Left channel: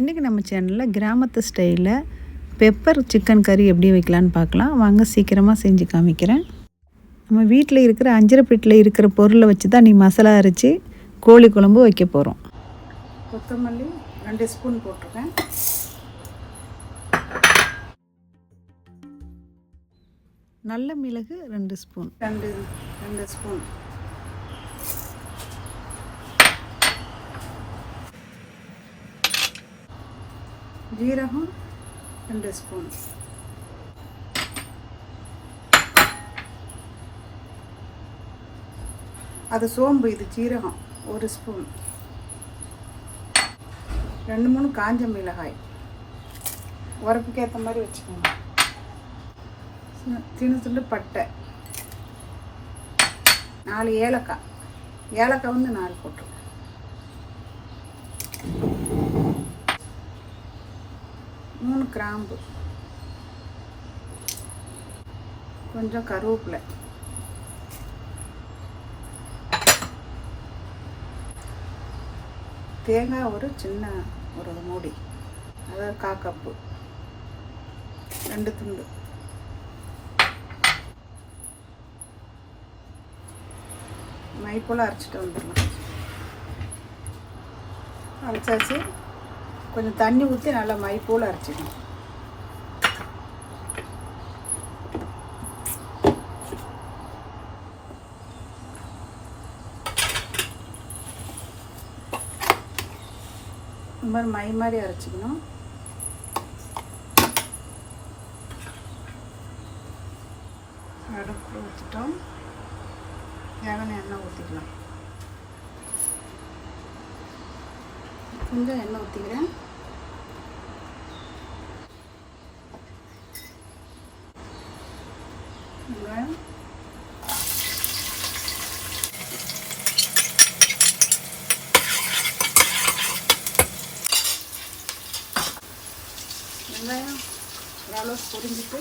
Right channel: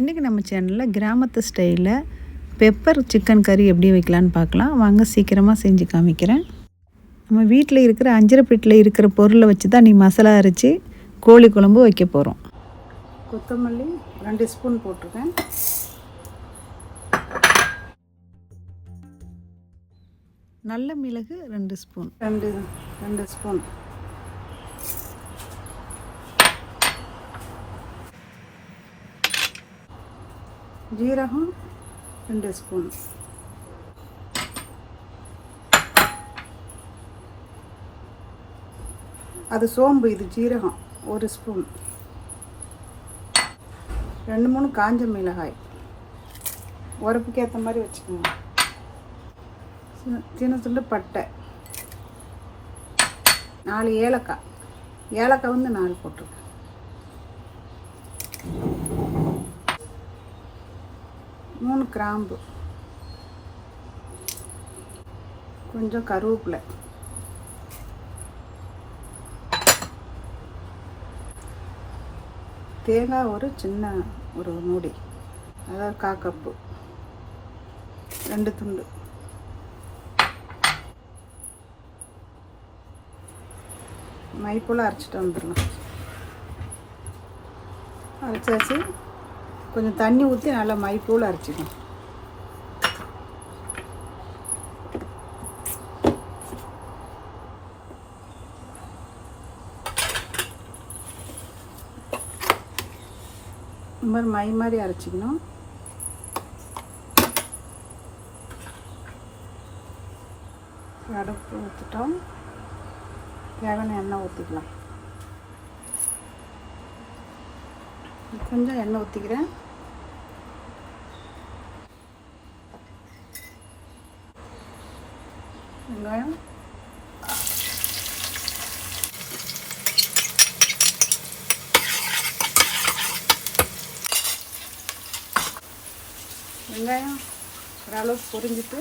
இன்றைக்கி நம்ம சேனலில் கிராமத்து ஸ்டைலில் பெப்பர் சிக்கன் கறி எப்படி வைக்கலான்னு பார்க்கலாம். வாங்க சீக்கிரமாக செஞ்சு காமிக்கிறேன். நம்ம வீட்டில் இருக்கிற அஞ்சரைப்பெட்டியில் இருக்கிற பொருளை வச்சு தான் மசாலா அரைச்சி கோழி குழம்பு வைக்க போகிறோம். கொத்தமல்லி 2 ஸ்பூன் போட்டிருக்கேன். நல்ல மிளகு 2 ஸ்பூன், 2 ஸ்பூன். ஜீரகம் 2 ஸ்பூன். அது சோம்பு, இது ஜீரகம் 1 ஸ்பூன். 2-3 காஞ்ச மிளகாய், உரப்புக்கு ஏற்ற மாதிரி வச்சுக்கோங்க. சின்ன துண்டு பட்டை, 4 ஏலக்காய். ஏலக்காய் வந்து 4 போட்டுருக்கேன். மூணு கிராம்பு, கொஞ்சம் கருவேப்பிலை, தேங்காய் ஒரு மூடி, அதாவது 1/4 கப்பு, 2 துண்டு. மைப்போல் அரைச்சிட்டு வந்துடலாம். அரைச்சாச்சு. கொஞ்சம் தண்ணி ஊற்றி நல்லா மைப்போல் அரைச்சிக்கணும். இந்த மாதிரி மை மாதிரி அரைச்சிக்கணும். அடுப்பு வச்சுட்டோம். தேவையான எண்ணெய் ஊற்றிக்கலாம். கொஞ்சம் எண்ணெய் ஊற்றிக்கிறேன். வெங்காயம், ஓரளவு பொரிஞ்சிட்டு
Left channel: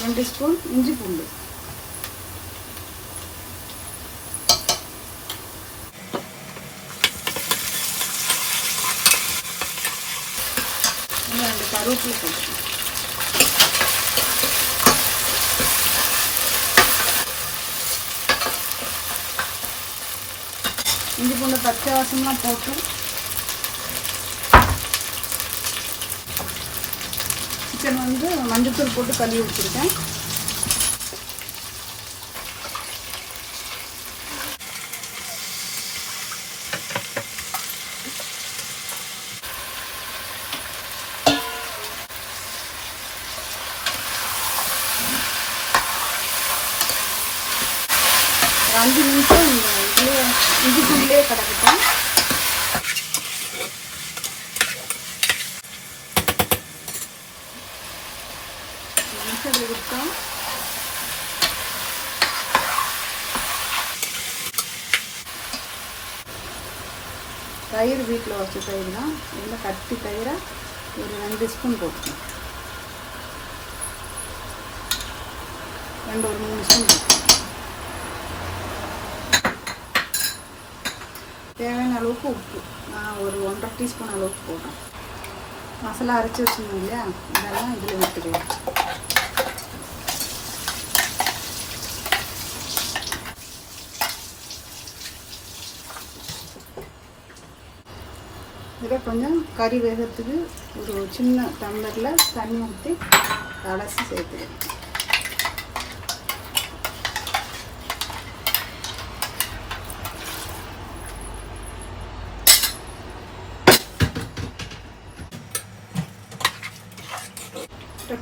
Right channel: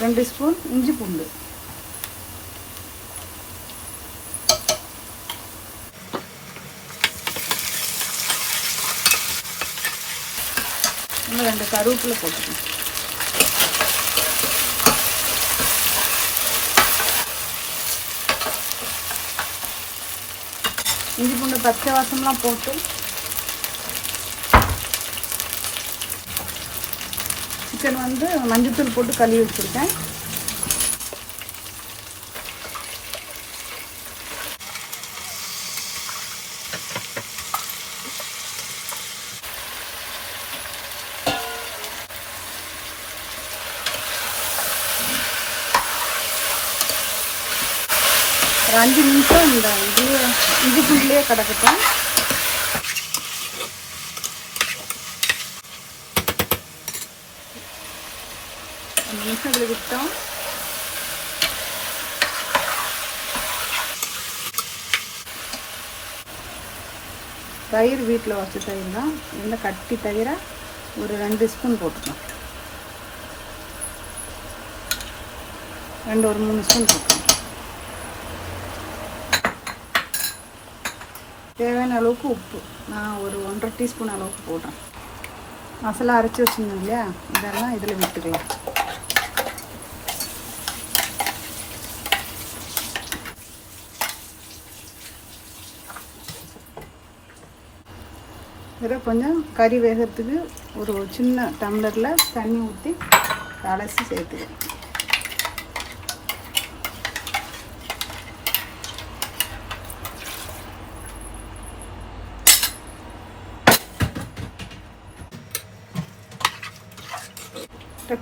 2 ஸ்பூன் இஞ்சி பூண்டு, ரெண்டு கருவேப்பிலை போட்டுக்கணும். இஞ்சி பூண்டு பச்சை வாசம்லாம் போட்டு சிக்கன் வந்து மஞ்சத்தூள் போட்டு கழுவி வச்சுருக்கேன். ஒரு 5 நிமிஷம் இந்த இதுக்குள்ளே கிடக்கட்டும். நிமிஷம் விட்டோம். தயிர் வீட்டில் வச்ச தயிர் தான். இதில் கட்டி தயிரை ஒரு 2 ஸ்பூன் போட்டுக்கோம். 2 ஒரு 3 ஸ்பூன் போட்டுக்கோம். தேவையான அளவுக்கு உப்பு, நான் ஒரு 1.5 டீஸ்பூன் அளவுக்கு போடுறேன். மசாலா அரைச்சி வச்சுருந்தோம் இல்லையா, இதெல்லாம் இதில் விட்டுருவேன். இதில் கொஞ்சம் கறி வேகிறதுக்கு ஒரு சின்ன டம்ளரில் தண்ணி ஊற்றி அலசி சேர்த்துக்கிறேன்.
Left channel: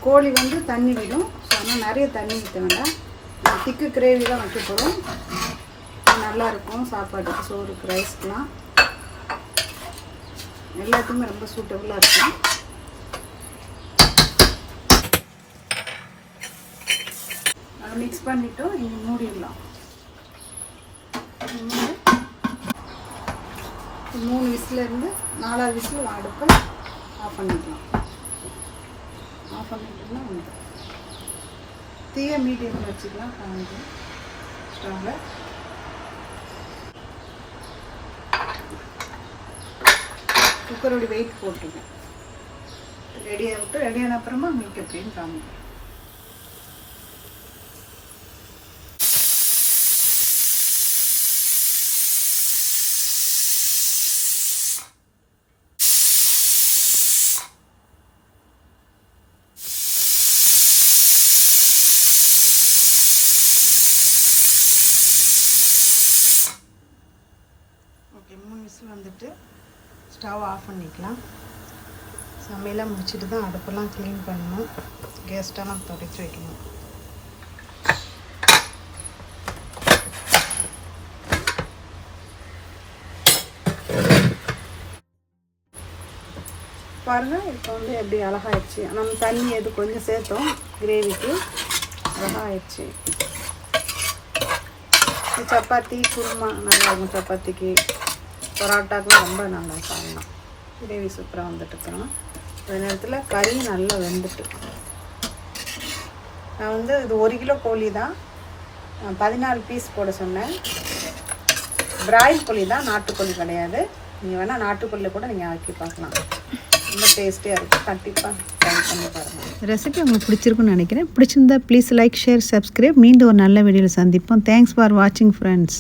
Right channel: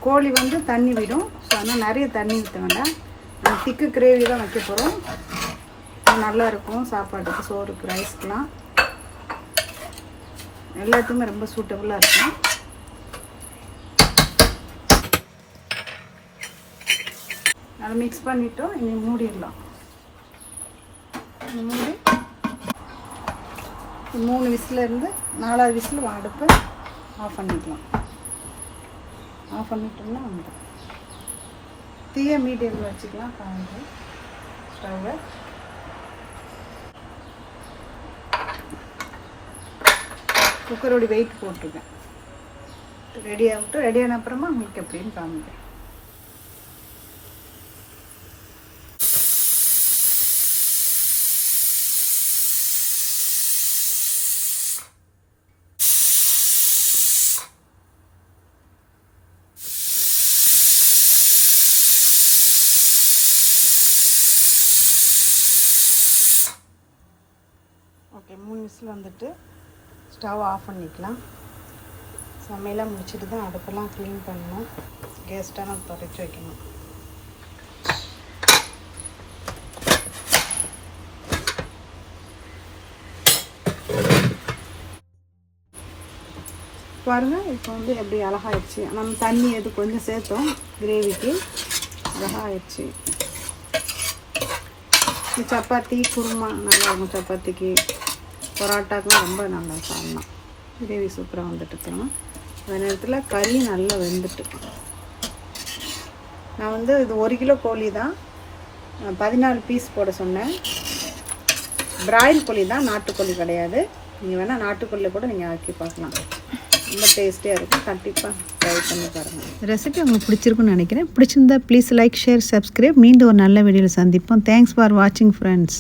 கோழி வந்து தண்ணி விடும். ஸோ அதனால் நிறைய தண்ணி ஊற்ற வேண்டாம். திக்கு கிரேவி தான் வைக்க போகிறோம். நல்லாயிருக்கும் சாப்பாட்டுக்கு, சோறுக்கு, ரைஸ்க்குலாம் எல்லாத்துக்குமே ரொம்ப சூட்டபுளாக இருக்கும். அதை மிக்ஸ் பண்ணிவிட்டோம். இனி மூடிடலாம். 3 விசிலேருந்து 4வது விசில் அடுப்பு ஆஃப் பண்ணிக்கலாம். ஆஃப் பண்ணிட்டோம்னா வந்துடும். தீயை மீடியமில் வச்சுக்கலாம். காமிக்கலாம் ஸ்டவ்வை. குக்கரோட வெயிட் போட்டுருக்கேன். ரெடியான அப்புறமா மீட் அப்படின்னு காமிக்கிறேன். ஓகே, 3 விசில் வந்துட்டு ஸ்டவ் ஆஃப் பண்ணிக்கலாம். சமையலாம் முடிச்சுட்டு தான் அடுப்பெல்லாம் க்ளீன் பண்ணணும். கேஸ்டெல்லாம் தொடச்சி வைக்கணும். பாருங்கள், இப்போ வந்து எப்படி அழகாகிடுச்சு. நம்ம தண்ணி எது கொஞ்சம் சேர்த்தோம் கிரேவிக்கு, அழகாகிடுச்சு. சப்பாத்தி குருமா நல்லா இருக்கும். சப்பாத்திக்கு பரோட்டாக்கும் ரொம்ப நல்லா சாப்பிடலாம். கிரேவி சூப்பராக வந்துட்டு இருக்கலாம். அந்த நேரத்தில் கறி நல்லா வெந்துட்டு. நான் வந்து இது 1 கிலோ கோழி தான், 14 பீஸ் போட சொன்னேன். பிராயில் கோழி தான், நாட்டுக்கோழி கிடையாது. நீங்கள் வேணால் நாட்டுக்கோழியில் கூட நீங்கள் ஆக்கி பார்க்கலாம். ரொம்ப டேஸ்டியாக இருக்குது. கண்டிப்பாக ட்ரை பண்ணி பாருங்கள். ரெசிபி உங்களுக்கு பிடிச்சிருக்குன்னு நினைக்கிறேன். பிடிச்சிருந்தா ப்ளீஸ் லைக், ஷேர், சப்ஸ்கிரைப். மீண்டும் ஒரு நல்ல வீடியோவில் சந்திப்போம். தேங்க்ஸ் ஃபார் வாட்சிங் ஃப்ரெண்ட்ஸ்.